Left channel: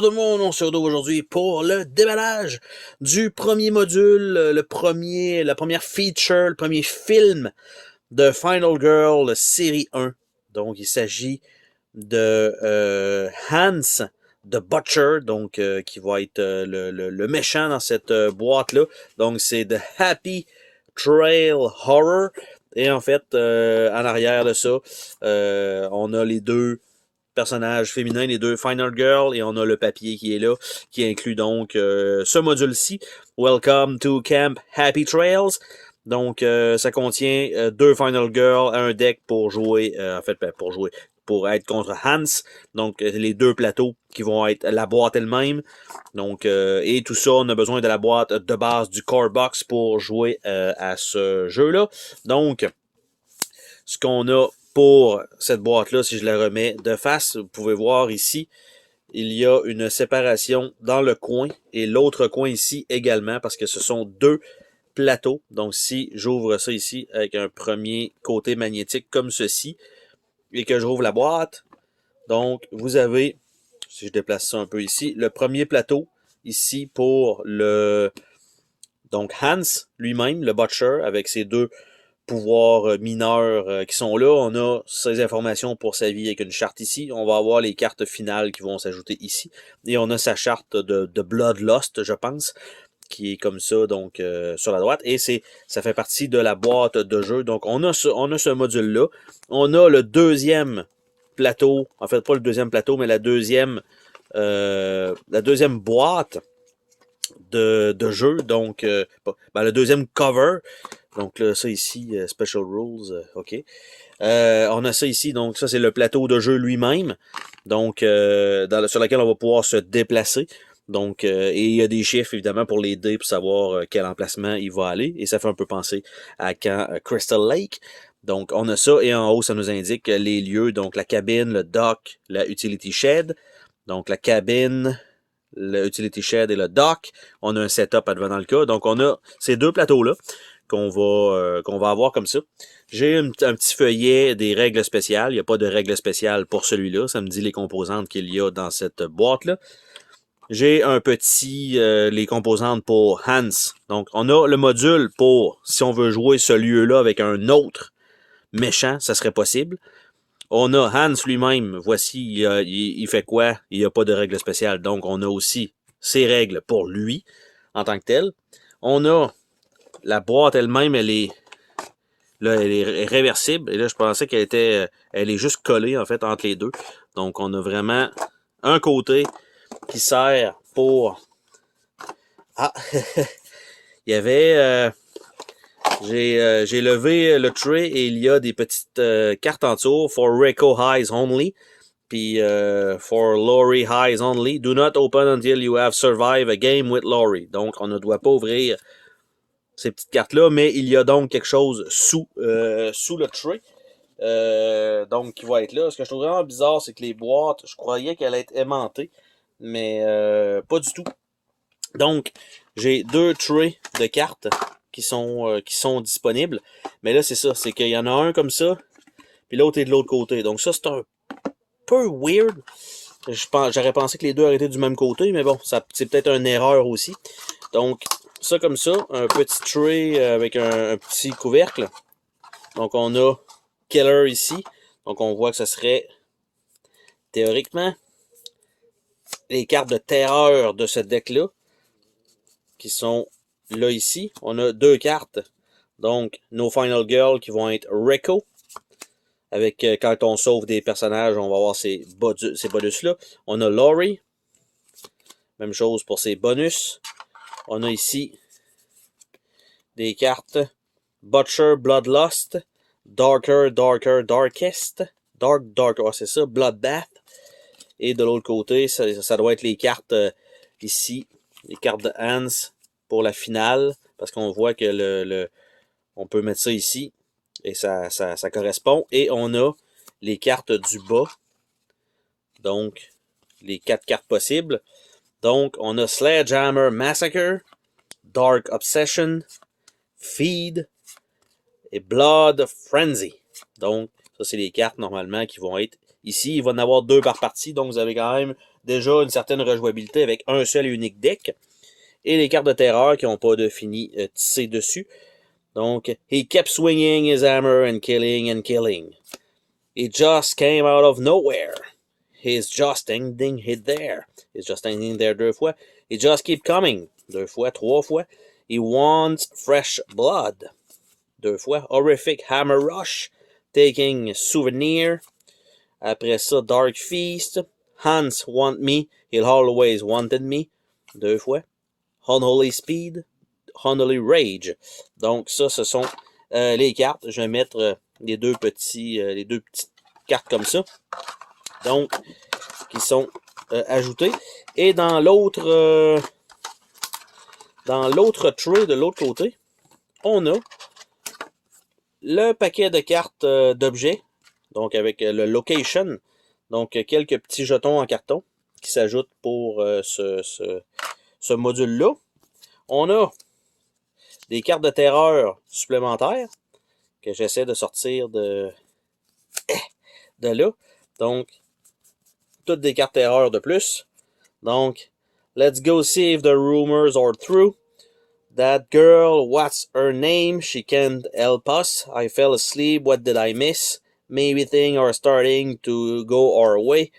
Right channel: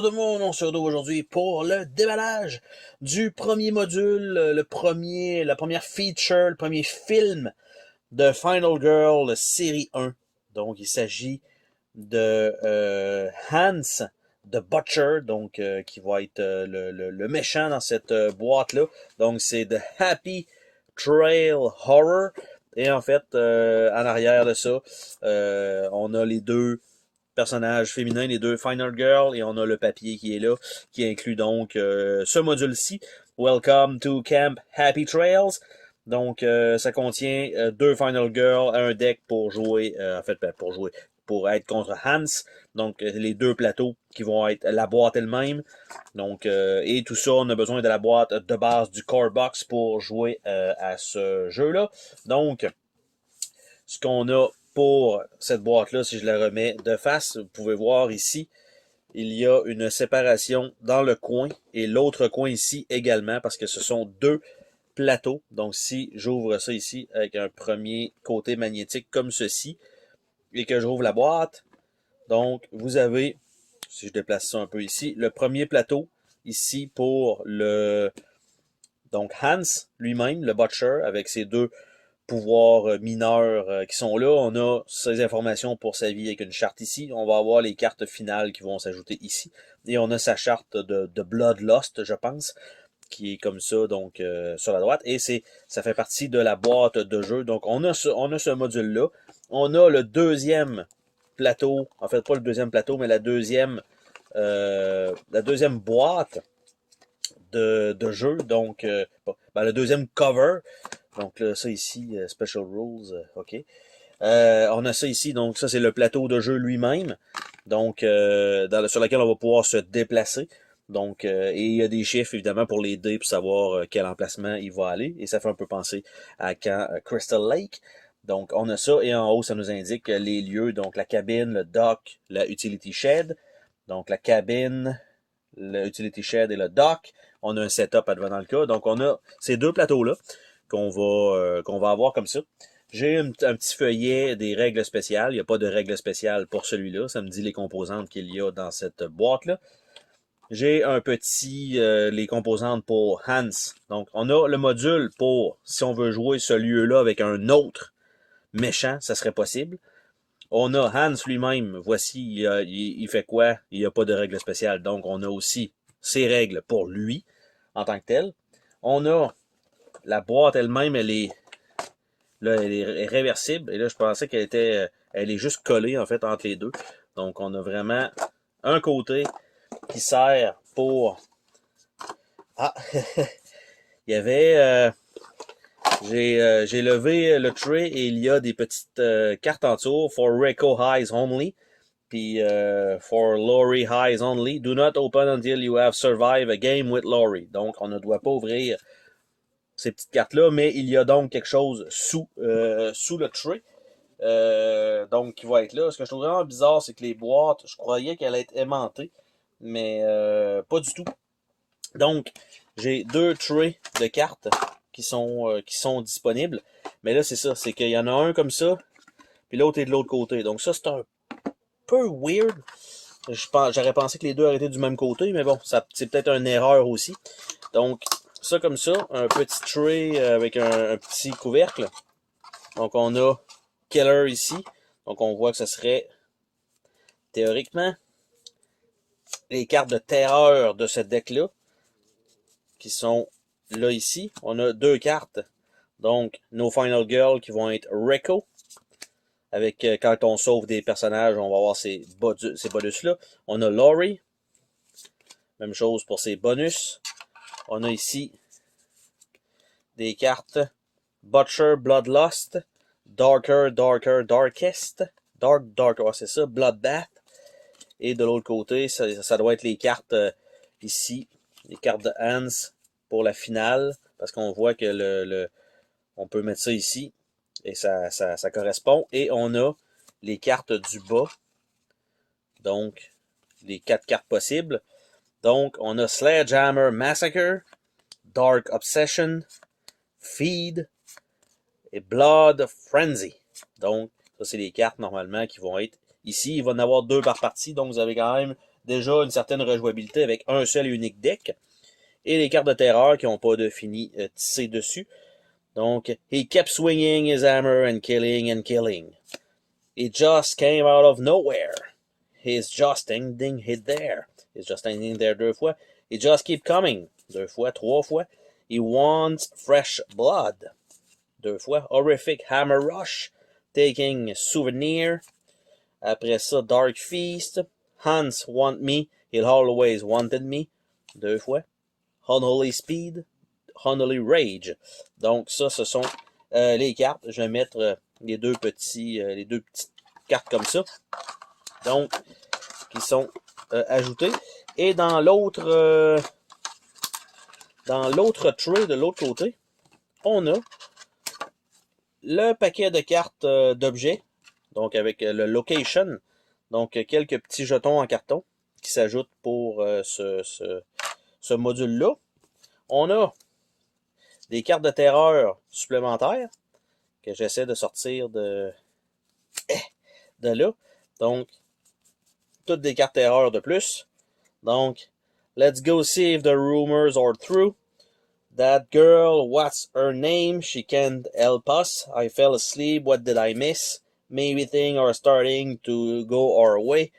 Bonjour tout le monde, on se retrouve aujourd'hui pour le déballage du premier module, la première feature, le premier film de Final Girl série 1. Donc il s'agit de Hans the Butcher, donc qui va être le méchant dans cette boîte-là. Donc c'est The Happy Trail Horror. Et en fait, en arrière de ça, on a les deux personnages féminins, les deux Final Girl, et on a le papier qui est là, qui inclut donc ce module-ci. Welcome to Camp Happy Trails. Donc, ça contient deux Final Girl, un deck pour jouer, pour être contre Hans. Donc, les deux plateaux qui vont être la boîte elle-même. Donc, et tout ça, on a besoin de la boîte de base du Core Box pour jouer à ce jeu-là. Donc, ce qu'on a pour cette boîte-là, si je la remets de face, vous pouvez voir ici, il y a une séparation dans le coin et l'autre coin ici également, parce que ce sont deux plateaux. Donc si j'ouvre ça ici avec un premier côté magnétique comme ceci, et que j'ouvre la boîte, donc vous avez, si je déplace ça un peu ici, le premier plateau ici pour le donc Hans lui-même, le Butcher, avec ses deux pouvoirs mineurs qui sont là. On a ces informations pour sa vie avec une charte ici. On va avoir les cartes finales qui vont s'ajouter ici. Et on a sa charte de Bloodlust, je pense, qui est comme ça, donc sur la droite. Et ça fait partie de la boîte de jeu. Donc on a ce module-là. On a le deuxième plateau, en fait pas le deuxième plateau, mais la deuxième boîte de jeu. Donc le deuxième cover. Donc là, ça ici, Special Rules, OK. On a ça ici, donc ça c'est le plateau de jeu lui-même, donc sur lequel on va pouvoir se déplacer. Donc, et il y a des chiffres évidemment pour les dés pour savoir quel emplacement il va aller. Et ça fait un peu penser à quand Crystal Lake. Donc on a ça, et en haut ça nous indique les lieux, donc la cabine, le dock, la utility shed. Donc la cabine, le utility shed et le dock. On a un setup advenant le cas. Donc on a ces deux plateaux-là qu'on va avoir comme ça. J'ai un petit feuillet des règles spéciales. Il n'y a pas de règles spéciales pour celui-là. Ça me dit les composantes qu'il y a dans cette boîte-là. J'ai un petit, les composantes pour Hans. Donc, on a le module pour, si on veut jouer ce lieu-là avec un autre méchant, ça serait possible. On a Hans lui-même. Voici, il fait quoi? Il n'y a pas de règles spéciales. Donc, on a aussi ses règles pour lui, en tant que tel. On a la boîte elle-même, elle est réversible. Et là, je pensais elle est juste collée, en fait, entre les deux. Donc, on a vraiment un côté qui sert pour... Ah! Il y avait... j'ai levé le tray et il y a des petites cartes en dessous. For Reiko Highs Only. Puis, for Laurie Highs Only. Do not open until you have survived a game with Laurie. Donc, on ne doit pas ouvrir ces petites cartes-là, mais il y a donc quelque chose sous le tray. Donc, qui va être là. Ce que je trouve vraiment bizarre, c'est que les boîtes, je croyais qu'elles allaient être aimantées, mais pas du tout. Donc, j'ai deux trays de cartes qui sont disponibles. Mais là, c'est ça, c'est qu'il y en a un comme ça, puis l'autre est de l'autre côté. Donc ça, c'est un peu weird. J'aurais pensé que les deux auraient été du même côté, mais bon, c'est peut-être une erreur aussi. Donc, ça comme ça, un petit tray avec un petit couvercle. Donc, on a Killer ici. Donc, on voit que ce serait, théoriquement, les cartes de terreur de ce deck-là, qui sont là ici. On a deux cartes. Donc, nos Final Girl qui vont être Reiko. Avec, quand on sauve des personnages, on va avoir ces bonus-là. On a Laurie. Même chose pour ses bonus. On a ici des cartes Butcher, Bloodlust, Darker, Darker, Darkest, Dark, c'est ça, Bloodbath. Et de l'autre côté, ça doit être les cartes ici, les cartes de Hans pour la finale, parce qu'on voit que on peut mettre ça ici, et ça correspond. Et on a les cartes du bas, donc les 4 cartes possibles. Donc, on a Sledgehammer Massacre, Dark Obsession, Feed et Blood Frenzy. Donc, ça, c'est les cartes normalement qui vont être ici. Il va y en avoir 2 par partie, donc vous avez quand même déjà une certaine rejouabilité avec un seul et unique deck. Et les cartes de terreur qui n'ont pas de fini tissé dessus. Donc, he kept swinging his hammer and killing and killing. He just came out of nowhere. He's just standing there. He's just standing there 2 fois. He just keep coming. 2 fois, 3 fois. He wants fresh blood. 2 fois. Horrific hammer rush. Taking souvenir. Après ça, Dark Feast. Hans want me. He'll always wanted me. 2 fois. Unholy Speed. Unholy Rage. Donc ça, ce sont les cartes. Je vais mettre les deux petites cartes comme ça. Donc, qui sont ajoutées. Et dans l'autre tray de l'autre côté, on a le paquet de cartes d'objets. Donc avec le location. Donc quelques petits jetons en carton qui s'ajoutent pour ce module-là. On a des cartes de terreur supplémentaires que j'essaie de sortir de là. Donc, toutes des cartes terreur de plus. Donc, let's go see if the rumors are true. That girl, what's her name? She can't help us. I fell asleep. What did I miss? Maybe things are starting to go our way.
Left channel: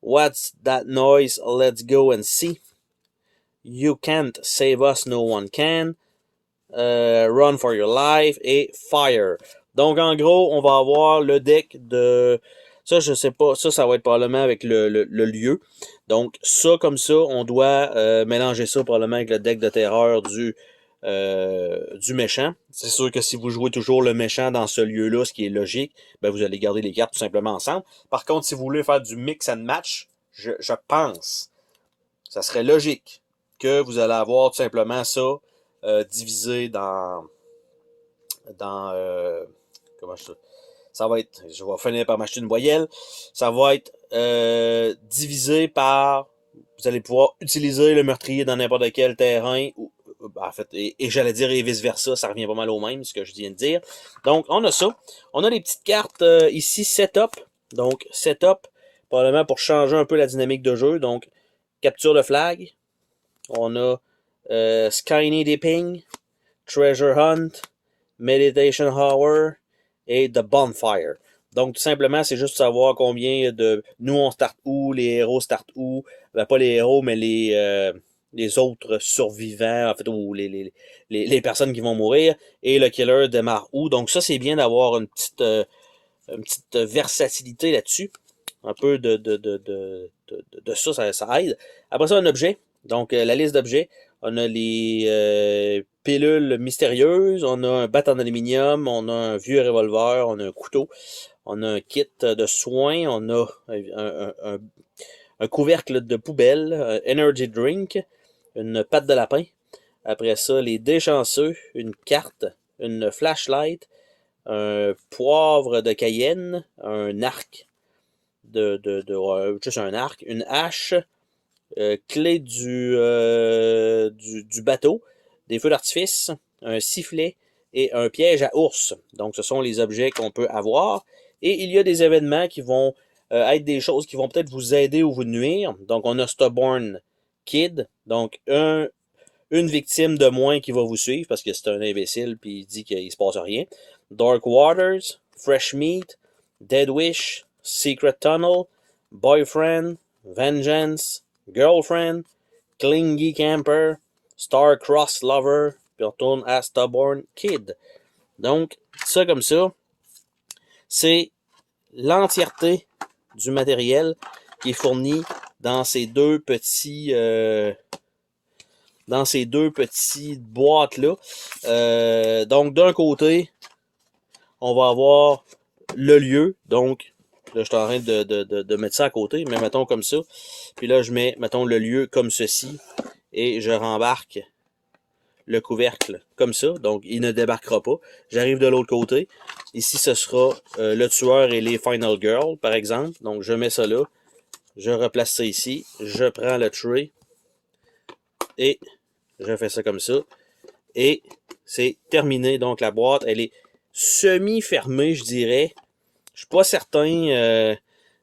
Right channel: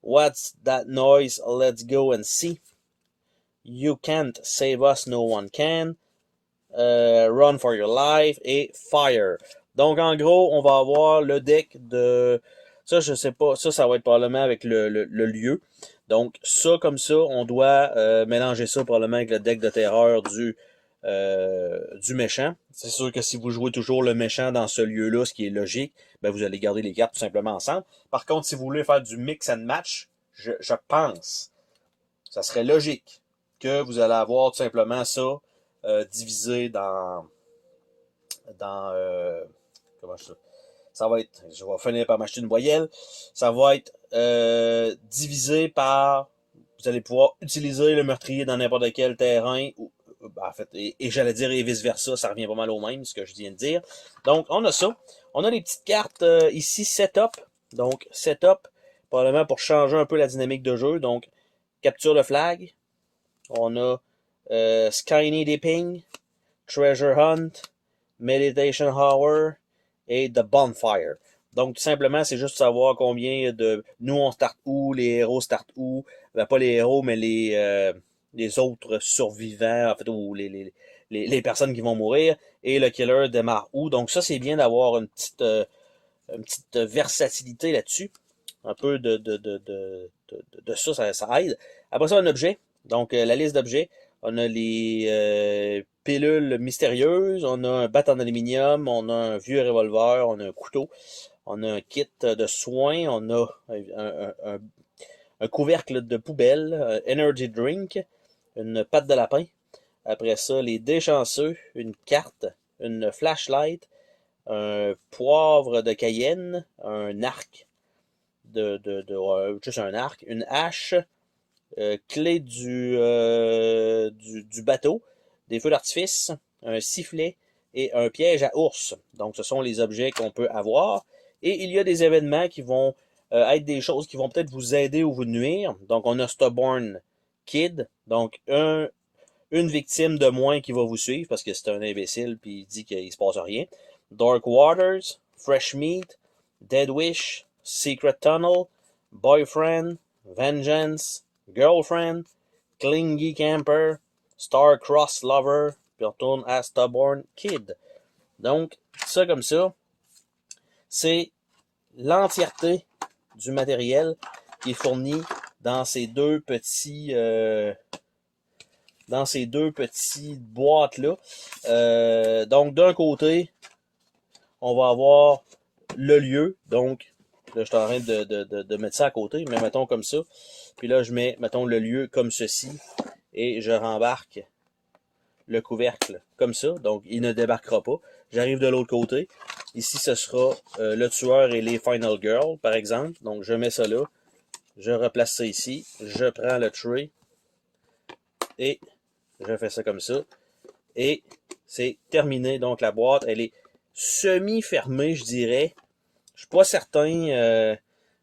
What's that noise? Let's go and see. You can't save us, no one can. Run for your life et fire. Donc en gros, on va avoir le deck de... Ça, je sais pas. Ça va être probablement avec le lieu. Donc ça, comme ça, on doit mélanger ça probablement avec le deck de terreur du méchant. C'est sûr que si vous jouez toujours le méchant dans ce lieu-là, ce qui est logique, ben vous allez garder les cartes tout simplement ensemble. Par contre, si vous voulez faire du mix and match, je pense, ça serait logique que vous allez avoir tout simplement ça divisé dans comment ça va être, je vais finir par m'acheter une voyelle, ça va être divisé par, vous allez pouvoir utiliser le meurtrier dans n'importe quel terrain, ou, en fait, et j'allais dire et vice versa, ça revient pas mal au même, ce que je viens de dire. Donc on a ça, on a les petites cartes ici, setup, donc setup, probablement pour changer un peu la dynamique de jeu, donc capture de flag, on a Skyny Dipping, Treasure Hunt, Meditation Hour et The Bonfire. Donc, tout simplement, c'est juste savoir combien de... Nous, on start où, les héros start où. Ben, pas les héros, mais les autres survivants, en fait, ou les personnes qui vont mourir. Et le killer démarre où. Donc, ça, c'est bien d'avoir une petite versatilité là-dessus. Un peu de ça aide. Après ça, un objet. Donc, la liste d'objets. On a les pilules mystérieuses, on a un bat en aluminium, on a un vieux revolver, on a un couteau, on a un kit de soins, on a un couvercle de poubelle, un energy drink, une patte de lapin. Après ça, les dés chanceux, une carte, une flashlight, un poivre de Cayenne, un arc, juste un arc, une hache, clé du bateau, des feux d'artifice, un sifflet et un piège à ours. Donc, ce sont les objets qu'on peut avoir. Et il y a des événements qui vont être des choses qui vont peut-être vous aider ou vous nuire. Donc, on a Stubborn Kid, donc une victime de moins qui va vous suivre parce que c'est un imbécile puis il dit qu'il se passe rien. Dark Waters, Fresh Meat, Dead Wish, Secret Tunnel, Boyfriend, Vengeance, Girlfriend, Clingy Camper, Star-Crossed Lover, puis on retourne à Stubborn Kid. Donc, ça comme ça, c'est l'entièreté du matériel qui est fourni dans ces deux petites boîtes-là. Donc, d'un côté, on va avoir le lieu, donc là, je suis en train de mettre ça à côté, mais mettons comme ça. Puis là, je mets, mettons, le lieu comme ceci. Et je rembarque le couvercle comme ça. Donc, il ne débarquera pas. J'arrive de l'autre côté. Ici, ce sera le tueur et les Final Girls, par exemple. Donc, je mets ça là. Je replace ça ici. Je prends le tray. Et je fais ça comme ça. Et c'est terminé. Donc, la boîte, elle est semi-fermée, je dirais. Je suis pas certain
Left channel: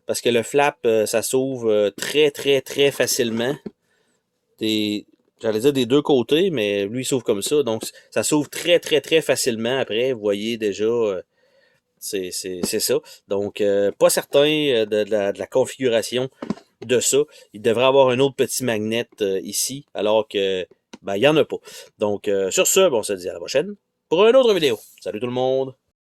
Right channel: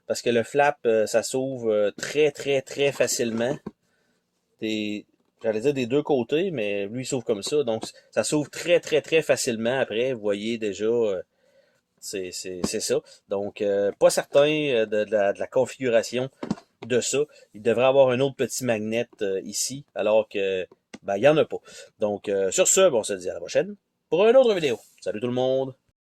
parce que le flap, ça s'ouvre très, très, très facilement. J'allais dire des deux côtés, mais lui, il s'ouvre comme ça. Donc, ça s'ouvre très, très, très facilement après. Vous voyez déjà, c'est ça. Donc, pas certain de la configuration de ça. Il devrait avoir un autre petit magnet ici, alors que, ben, il n'y en a pas. Donc, sur ce, bon, on se dit à la prochaine pour une autre vidéo. Salut tout le monde!